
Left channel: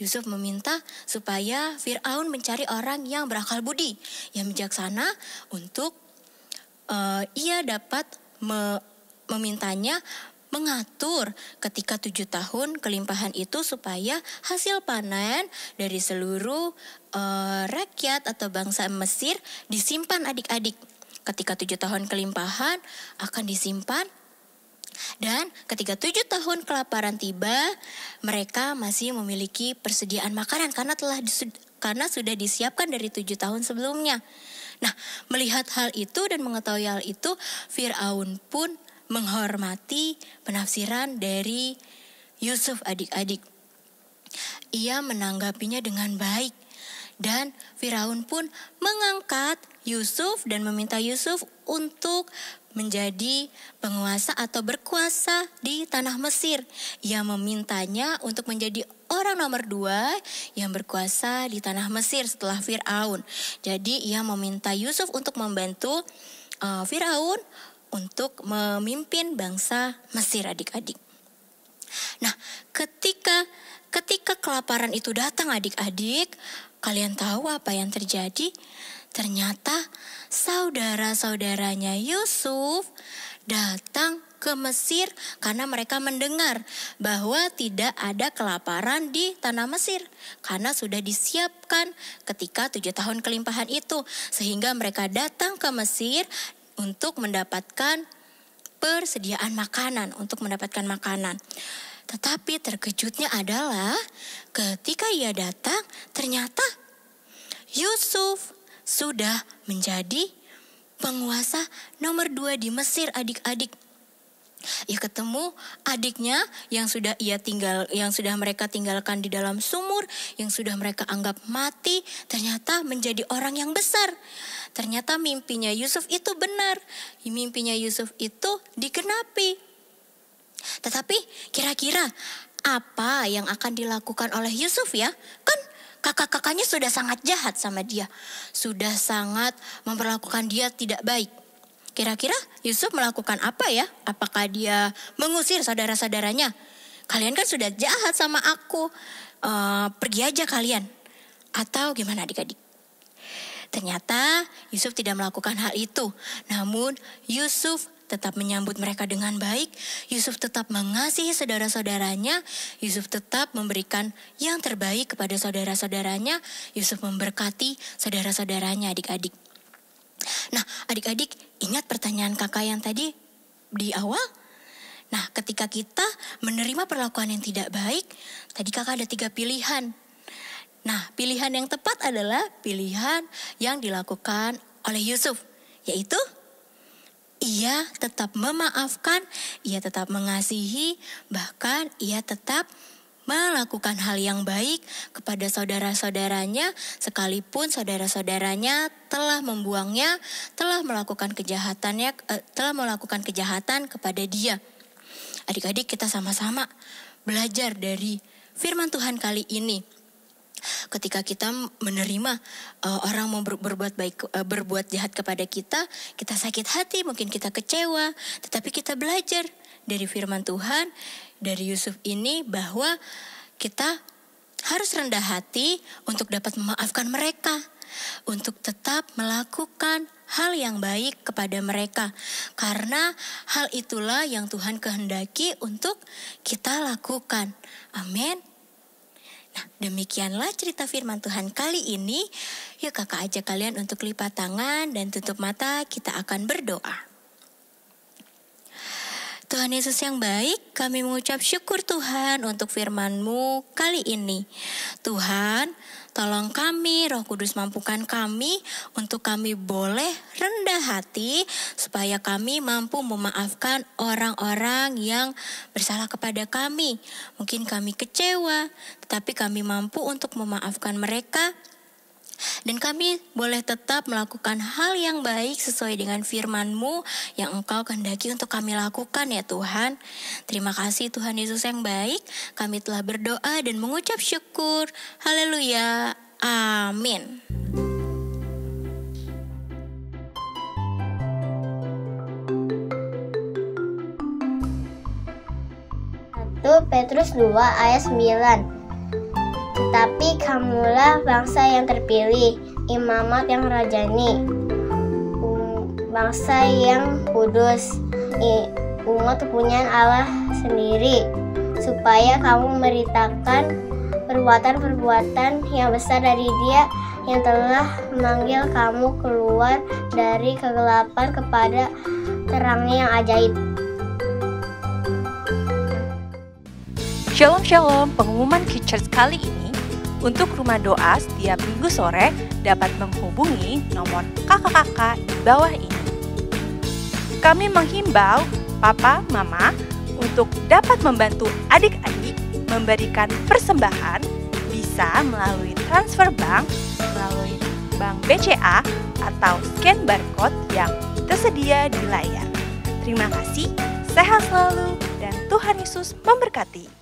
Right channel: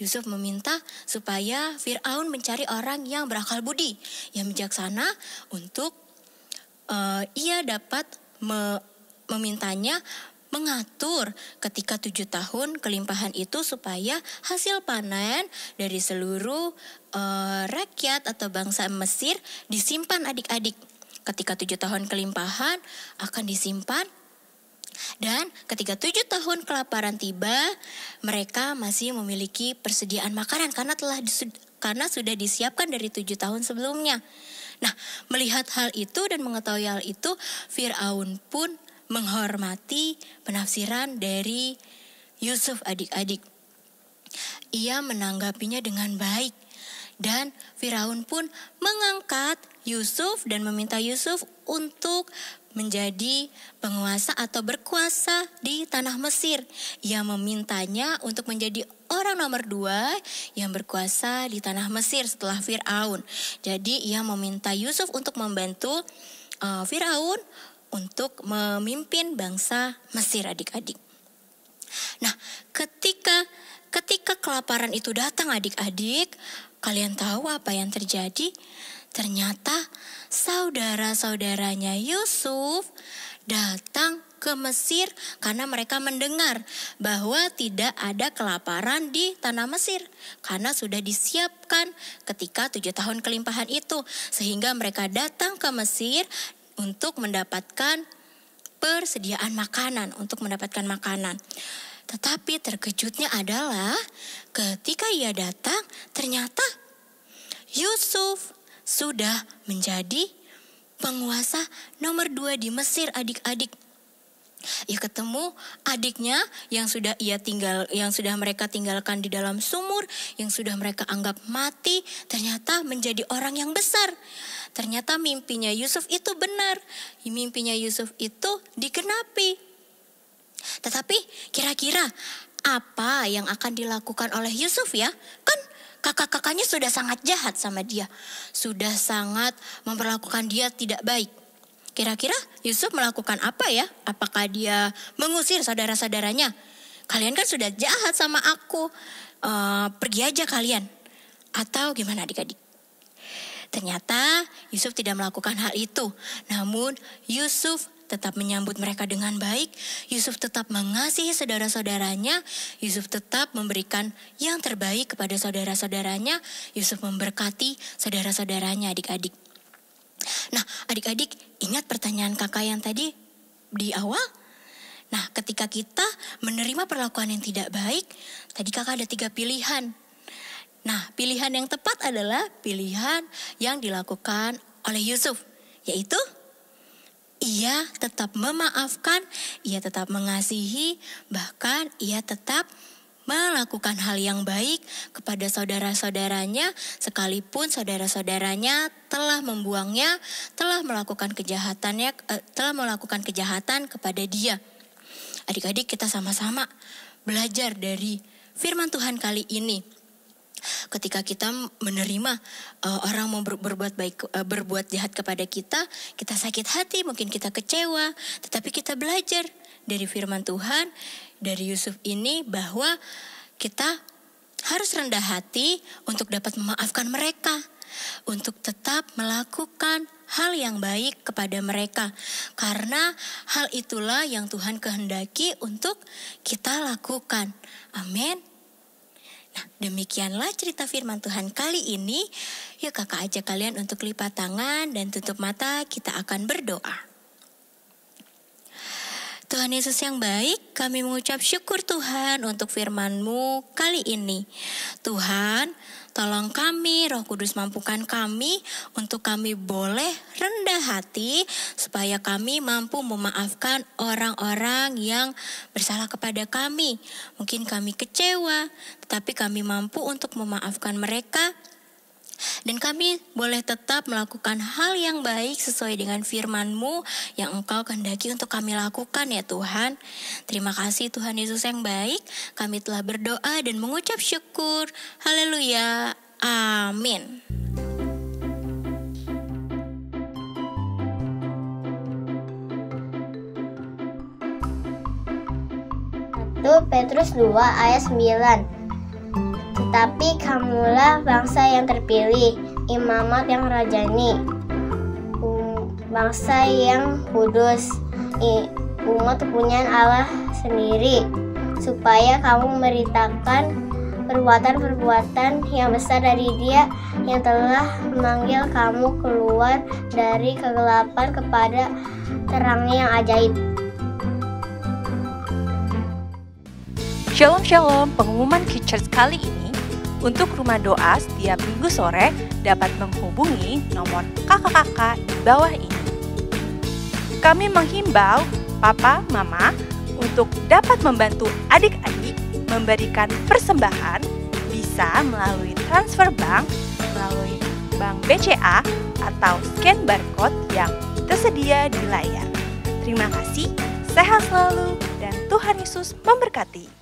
Yusuf meminta supaya Firaun mencari orang yang berakal budi, yang bijaksana untuk ia dapat memintanya mengatur ketika 7 tahun kelimpahan itu supaya hasil panen dari seluruh rakyat atau bangsa Mesir disimpan adik-adik. Ketika 7 tahun kelimpahan akan disimpan dan ketika 7 tahun kelaparan tiba, mereka masih memiliki persediaan makanan karena sudah disiapkan dari 7 tahun sebelumnya. Nah, melihat hal itu dan mengetahui hal itu, Firaun pun menghormati penafsiran dari Yusuf adik-adik. Ia menanggapinya dengan baik dan Firaun pun mengangkat Yusuf dan meminta Yusuf untuk menjadi penguasa atau berkuasa di tanah Mesir. Ia memintanya untuk menjadi orang nomor 2 yang berkuasa di tanah Mesir setelah Firaun. Jadi ia meminta Yusuf untuk membantu Firaun untuk memimpin bangsa Mesir adik-adik. Nah, ketika kelaparan itu datang adik-adik, kalian tahu apa yang terjadi? Ternyata saudara-saudaranya Yusuf datang ke Mesir karena mereka mendengar bahwa tidak ada kelaparan di tanah Mesir karena sudah disiapkan ketika 7 tahun kelimpahan itu, sehingga mereka datang ke Mesir untuk mendapatkan persediaan makanan, untuk mendapatkan makanan. Tetapi terkejutnya adalah ketika ia datang, ternyata Yusuf sudah menjadi penguasa nomor 2 di Mesir adik-adik. Ia ketemu adiknya yang sudah mereka tinggalkan di dalam sumur, yang sudah mereka anggap mati, ternyata menjadi orang yang besar. Ternyata mimpinya Yusuf itu benar. Mimpinya Yusuf itu digenapi. Tetapi kira-kira apa yang akan dilakukan oleh Yusuf ya? Kan kakak-kakaknya sudah sangat jahat sama dia. Sudah sangat memperlakukan dia tidak baik. Kira-kira Yusuf melakukan apa ya? Apakah dia mengusir saudara-saudaranya? Kalian kan sudah jahat sama aku. Pergi aja kalian. Atau gimana adik-adik? Ternyata Yusuf tidak melakukan hal itu. Namun Yusuf tetap menyambut mereka dengan baik. Yusuf tetap mengasihi saudara-saudaranya. Yusuf tetap memberikan yang terbaik kepada saudara-saudaranya. Yusuf memberkati saudara-saudaranya adik-adik. Nah, adik-adik, ingat pertanyaan kakak yang tadi di awal? Nah, ketika kita menerima perlakuan yang tidak baik, tadi kakak ada 3 pilihan. Nah, pilihan yang tepat adalah pilihan yang dilakukan oleh Yusuf, yaitu ia tetap memaafkan, ia tetap mengasihi, bahkan ia tetap melakukan hal yang baik kepada saudara-saudaranya sekalipun saudara-saudaranya telah membuangnya, telah melakukan kejahatan kepada dia. adik-adik kita sama-sama belajar dari firman Tuhan kali ini. Ketika kita menerima orang mau berbuat jahat kepada kita sakit hati, mungkin kita kecewa, tetapi kita belajar dari firman Tuhan, dari Yusuf ini, bahwa kita harus rendah hati untuk dapat memaafkan mereka, untuk tetap melakukan hal yang baik kepada mereka, karena hal itulah yang Tuhan kehendaki untuk kita lakukan. Amin. Nah, demikianlah cerita firman Tuhan kali ini. Yuk kakak ajak kalian untuk lipat tangan dan tutup mata, kita akan berdoa. Tuhan Yesus yang baik, kami mengucap syukur Tuhan untuk firman-Mu kali ini. Tuhan, tolong kami, Roh Kudus mampukan kami untuk kami boleh rendah hati, supaya kami mampu memaafkan orang-orang yang bersalah kepada kami. Mungkin kami kecewa, tetapi kami mampu untuk memaafkan mereka. Dan kami boleh tetap melakukan hal yang baik sesuai dengan firman-Mu yang Engkau kehendaki untuk kami lakukan ya Tuhan. Terima kasih Tuhan Yesus yang baik. Kami telah berdoa dan mengucap syukur. Haleluya. Amin. 1 Petrus 2 ayat 9. Tetapi kamulah bangsa yang terpilih, imamat yang rajani, bangsa yang kudus, umat kepunyaan Allah sendiri, supaya kamu memberitakan perbuatan-perbuatan yang besar dari Dia yang telah memanggil kamu keluar dari kegelapan kepada terangnya yang ajaib. Shalom Shalom, pengumuman Kids Church kali ini untuk rumah doa setiap minggu sore dapat menghubungi nomor kakak-kakak di bawah ini. Kami menghimbau Papa, Mama untuk dapat membantu adik-adik memberikan persembahan, bisa melalui transfer bank, melalui bank BCA atau scan barcode yang tersedia di layar. Terima kasih, sehat selalu, dan Tuhan Yesus memberkati.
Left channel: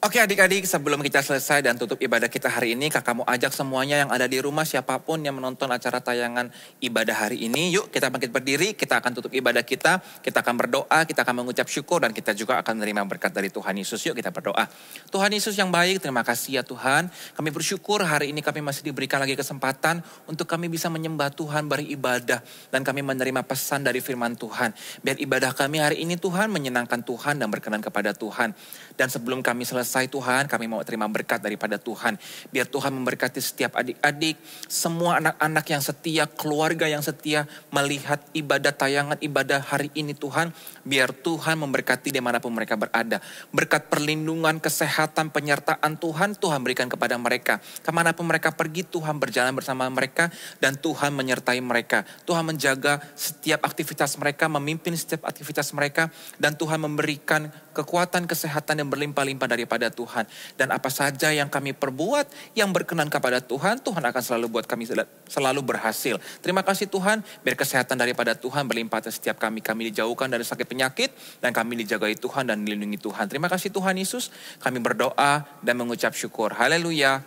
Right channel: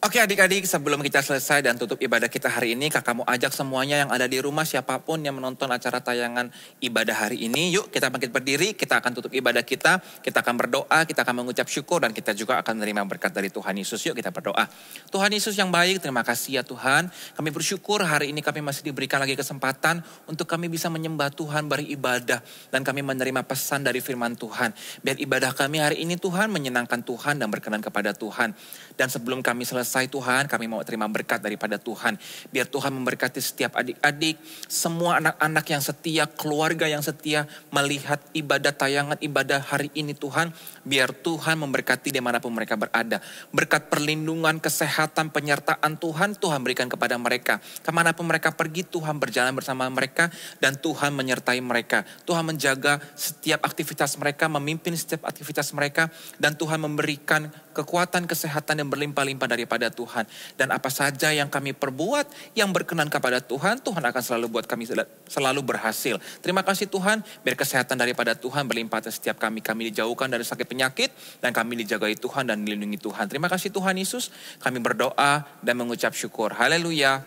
Oke adik-adik, sebelum kita selesai dan tutup ibadah kita hari ini, kakak mau ajak semuanya yang ada di rumah, siapapun yang menonton acara tayangan ibadah hari ini, yuk kita bangkit berdiri, kita akan tutup ibadah kita akan berdoa, kita akan mengucap syukur, dan kita juga akan menerima berkat dari Tuhan Yesus. Yuk kita berdoa. Tuhan Yesus yang baik, terima kasih ya Tuhan, kami bersyukur hari ini kami masih diberikan lagi kesempatan untuk kami bisa menyembah Tuhan, beribadah, dan kami menerima pesan dari firman Tuhan. Biar ibadah kami hari ini Tuhan menyenangkan Tuhan dan berkenan kepada Tuhan. Dan sebelum kami selesai Tuhan, kami mau terima berkat daripada Tuhan. Biar Tuhan memberkati setiap adik-adik, semua anak-anak yang setia, keluarga yang setia melihat ibadah tayangan ibadah hari ini Tuhan. Biar Tuhan memberkati dimanapun mereka berada. Berkat perlindungan, kesehatan, penyertaan Tuhan berikan kepada mereka. Kemanapun mereka pergi, Tuhan berjalan bersama mereka dan Tuhan menyertai mereka. Tuhan menjaga setiap aktivitas mereka, memimpin setiap aktivitas mereka, dan Tuhan memberikan kekuatan, kesehatan yang berlimpah-limpah daripada Tuhan. Dan apa saja yang kami perbuat yang berkenan kepada Tuhan, Tuhan akan selalu buat kami selalu berhasil. Terima kasih Tuhan, biar kesehatan daripada Tuhan berlimpah atas setiap kami. Kami dijauhkan dari sakit penyakit dan kami dijagai Tuhan dan dilindungi Tuhan. Terima kasih Tuhan Yesus, kami berdoa dan mengucap syukur. Haleluya.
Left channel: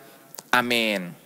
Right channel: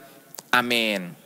Amin.